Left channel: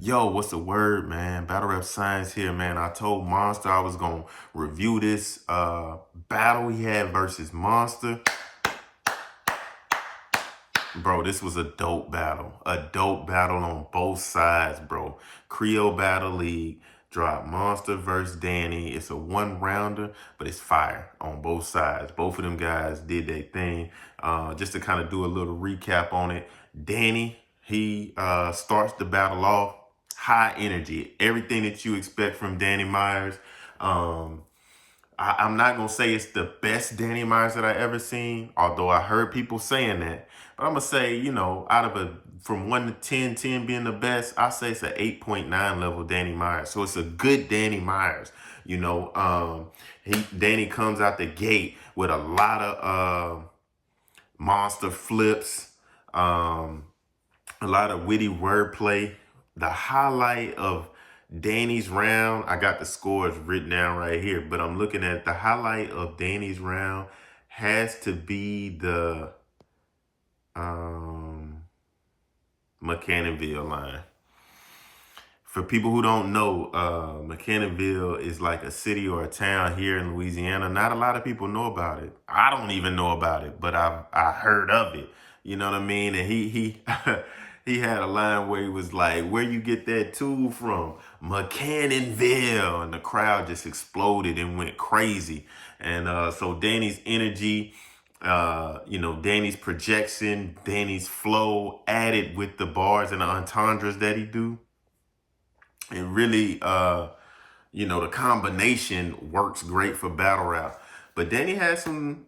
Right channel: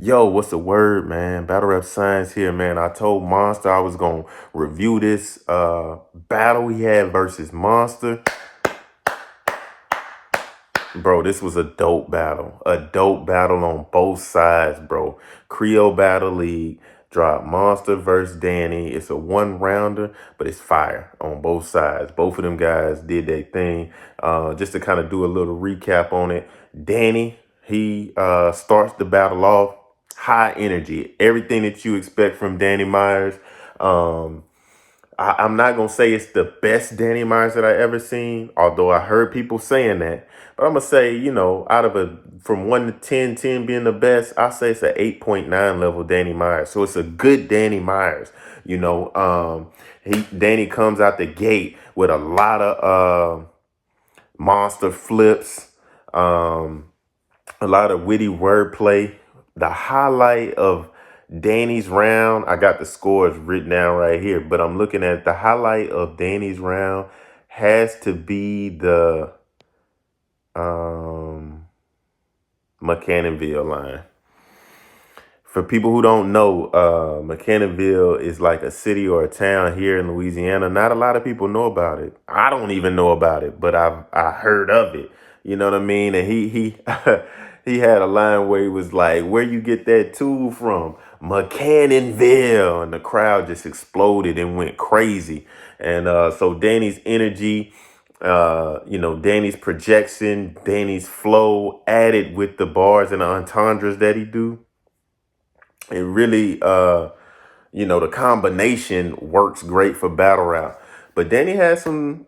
Yo, what's the word, man? Battle Rap Science here, man. I told Monster I was gonna review this battle he had versus Monster. Bro, this was a dope battle. A dope battle on both sides, bro. Creole Battle League dropped Monster versus Danny. It's a one-rounder, but it's fire on both sides. Both of them guys did their thing. Just to kind of do a little recap on it. Danny, he starts the battle off high energy. Everything that you expect from Danny Myers. Um, I'm not gonna say it's the best Danny Myers that I ever seen, although I heard people saying that. But I'm gonna say, out of a from 1 to 10, 10 being the best, I say it's an 8.9 level Danny Myers. So it's a good Danny Myers. Danny comes out the gate with a lot of monster flips, a lot of witty wordplay. The highlight of Danny's round, I got the scores written down right here, but I'm looking at the highlight of Danny's round has to be the McCannonville line. For people who don't know, McCannonville is like a city or a town here in Louisiana. Not a lot of people know about it. I don't even know about it, but I heard of it. You know what I mean? And he he had a line where he was like, "Where you get that tool from?" McCannonville, and the crowd just exploded and went crazy. And so Danny's energy, Danny's projection, Danny's flow, added with the bars and the entendres that he do. It really, the combination works great for battle rap. But Danny had some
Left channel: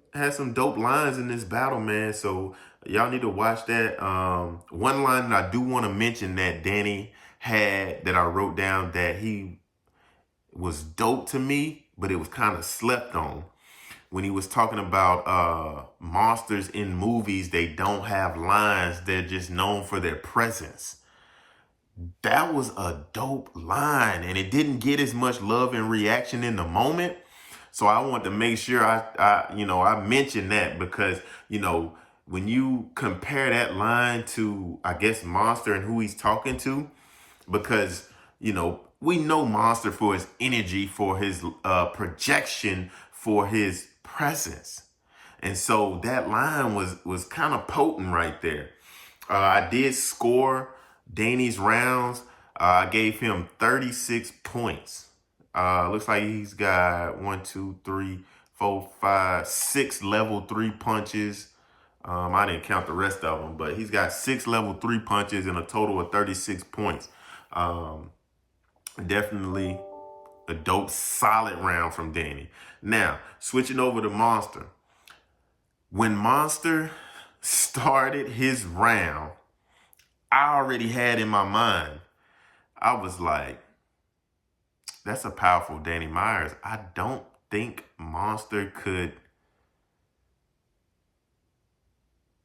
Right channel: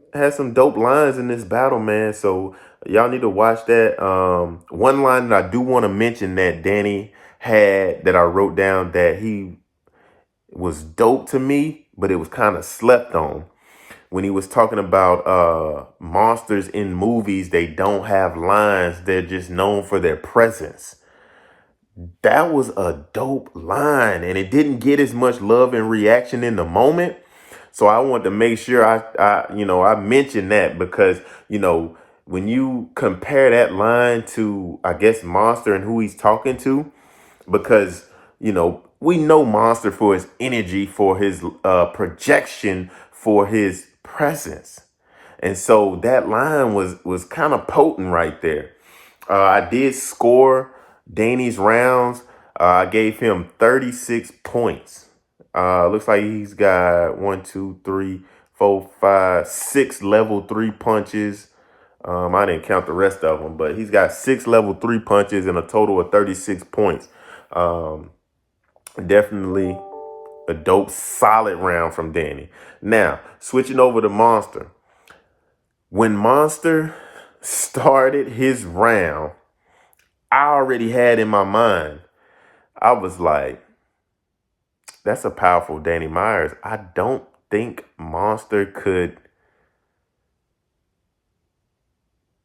dope lines in this battle, man. So y'all need to watch that. One line that I do want to mention that Danny had that I wrote down that he was dope to me, but it was kind of slept on. When he was talking about monsters in movies, they don't have lines. They're just known for their presence. That was a dope line, and it didn't get as much love and reaction in the moment. So I want to make sure I mentioned that because, when you compare that line to, I guess, Monster and who he's talking to, because, we know Monster for his energy, for his projection, for his presence. And so that line was kind of potent right there. I did score Danny's rounds. I gave him 36 points. Looks like he's got 1, 2, 3, 4, 5, 6 level 3 punches. I didn't count the rest of them, but he's got 6 level 3 punches and a total of 36 points. Definitely a dope, solid round from Danny. Now, switching over to Monster. When Monster started his round, I already had in my mind, I was like, that's a powerful Danny Myers. I don't think Monster could.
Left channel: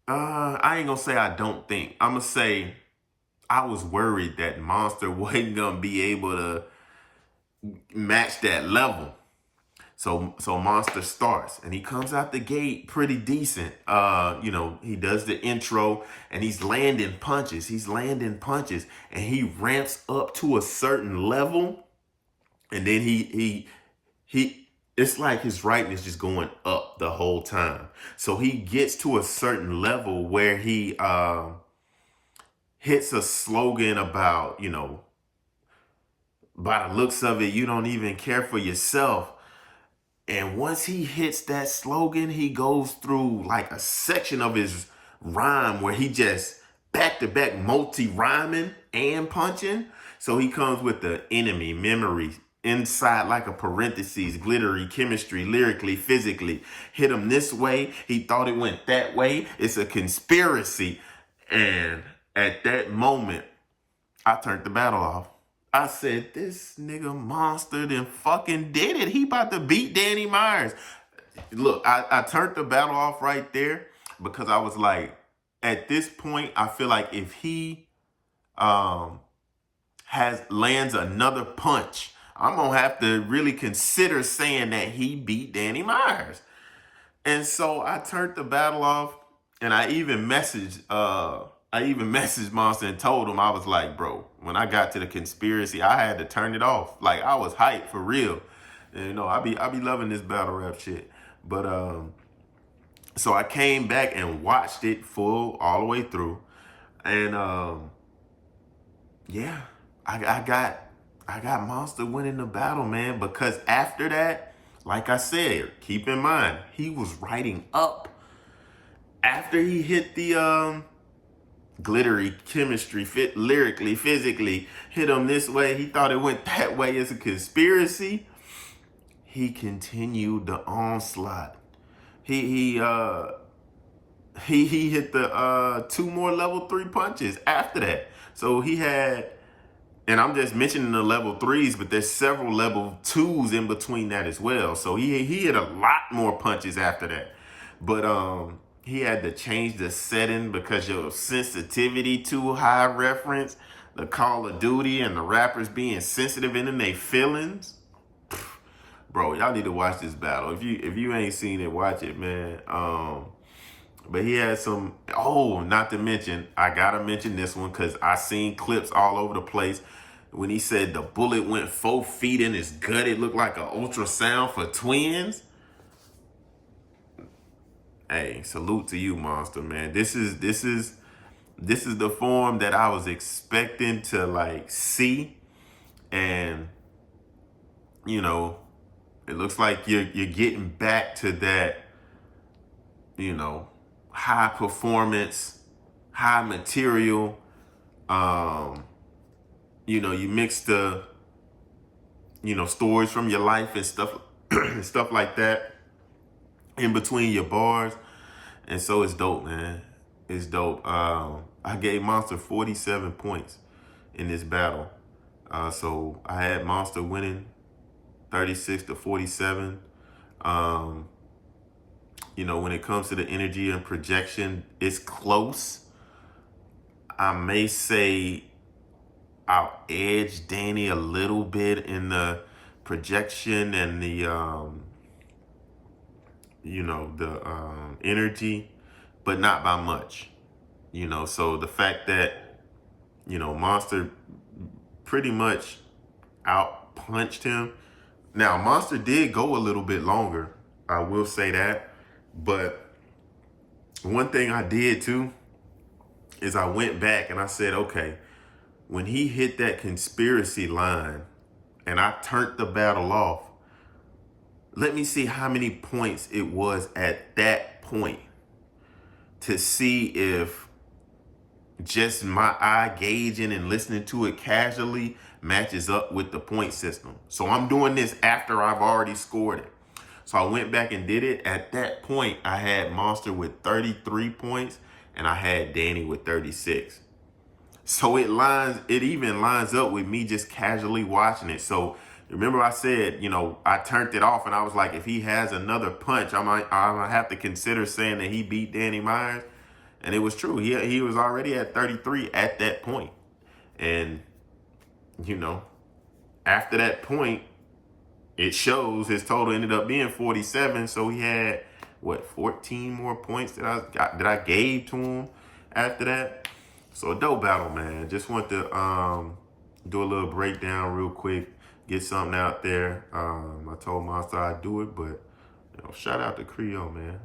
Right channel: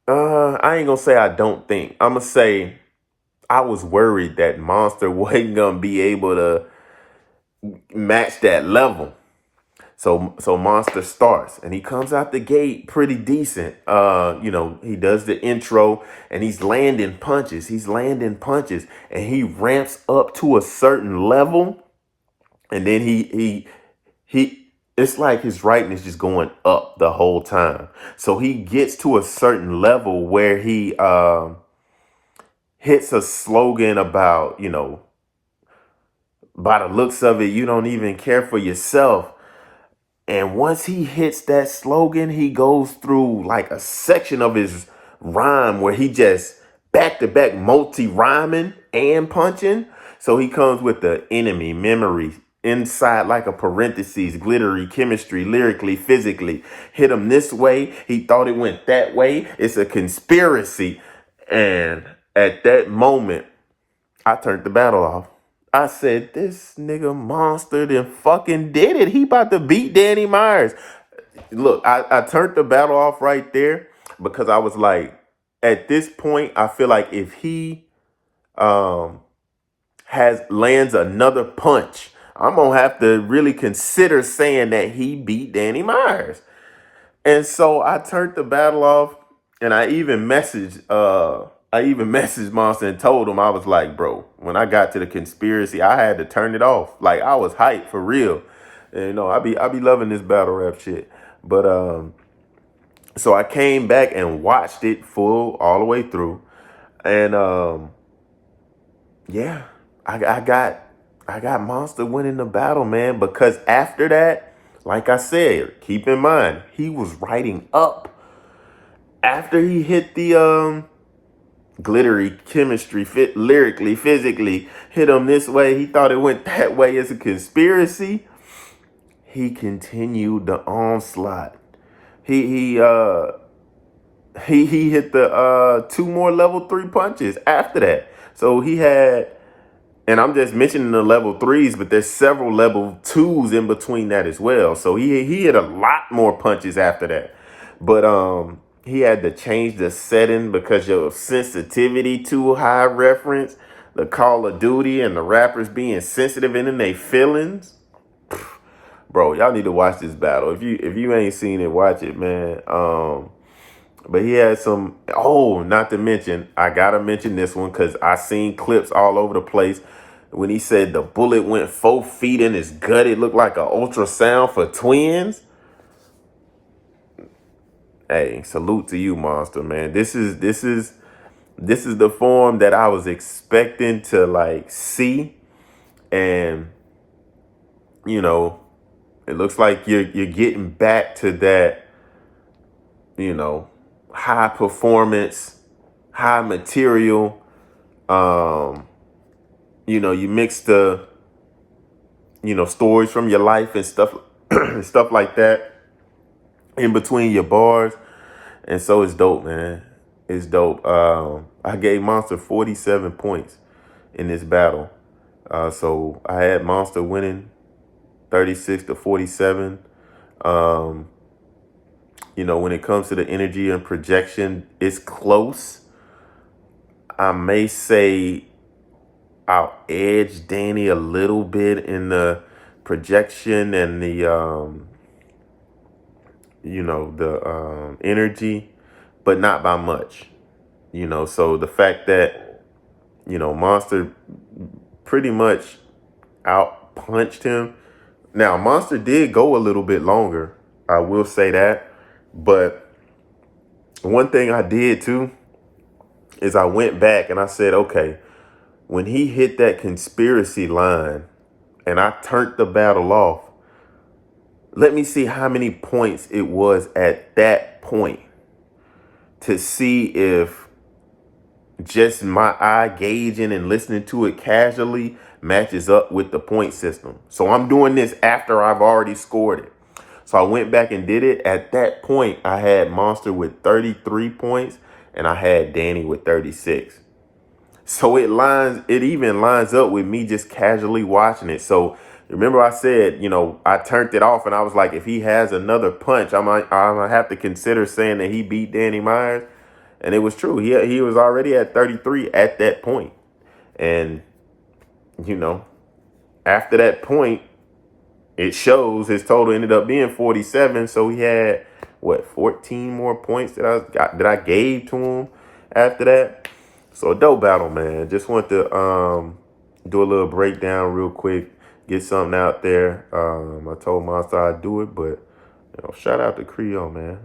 I ain't gonna say I don't think. I'm gonna say I was worried that Monster wasn't gonna be able to match that level. So Monster starts and he comes out the gate pretty decent. He does the intro and he's landing punches. He's landing punches and he ramps up to a certain level. And then he it's like his writing is just going up the whole time. So he gets to a certain level where he hits a slogan about, by the looks of it, you don't even care for yourself. And once he hits that slogan, he goes through like a section of his rhyme where he just back to back multi rhyming and punching. So he comes with the enemy, memory, inside like a parentheses, glittery, chemistry, lyrically, physically. Hit him this way. He thought it went that way. It's a conspiracy. And at that moment, I turned the battle off. I said, this nigga Monster then fucking did it. He about to beat Danny Myers. Look, I turned the battle off right there because I was like, at this point, I feel like if he um has lands another punch, I'm gonna have to really consider saying that he beat Danny Myers. And so I turned the battle off and I even messaged I even messaged Monster and told him, I was like, bro, when I got to the conspiracy, I had to turn it off. Like, I was hyped for real. And, I be loving this battle rap shit. But so I came back and watched it full all the way through. And yeah, I got Monster winning the battle, man, because after that, like I said, keep in mind, he was writing up after he hit the glittery chemistry, fit lyrically, physically, hit him this way. He thought it went that way as a conspiracy. He continued the onslaught. He he hit the two more level 3 punches after that. So he had, and I'm just mentioning the level 3s, but there's several level 2s in between that as well. So he hit a lot more punches after that. But he had to change the setting because your sensitivity too high reference, the Call of Duty and the rappers being sensitive in their feelings. Bro, y'all need to watch this battle. If you ain't seen it, watch it, man. But he had some, oh, not to mention, I gotta mention this one because I seen clips all over the place. When he said the bullet went 4 feet in his gut, it looked like an ultrasound for twins. Hey, salute to you, Monster, man. This is the form that I was expecting to like see. And you know, it looks like you're getting back to that, high performance, high material. You mix the, stories from your life and stuff, stuff like that in between your bars. And so it's dope, man. It's dope. I gave Monster 47 points in this battle. So I had Monster winning 36-47. When it comes to the energy and projection, it's close. I may say I'll edge Danny a little bit in the projection and the energy, but not by much. So the fact that Monster pretty much out punched him. Now Monster did go a little bit longer, I will say that. But one thing I did too is I went back and I said, okay, when he hit that conspiracy line and I turned the battle off, let me see how many points it was at that point to see if just my eye gauging and listening to it casually matches up with the point system. So I'm doing this after I've already scored it. So I went back and did it. At that point, I had Monster with 33 points and I had Danny with 36. So it even lines up with me just casually watching it. So remember I said, I turned it off and I was like, if he has another punch, I'm gonna have to consider saying that he beat Danny Myers. And it was true. He was already at 33 at that point. And, after that point, it shows his total ended up being 47. So he had, 14 more points that I gave to him after that. So a dope battle, man. Just want to do a little breakdown real quick, get something out there. I told Monsta I'd do it, but shout out to Creole, man.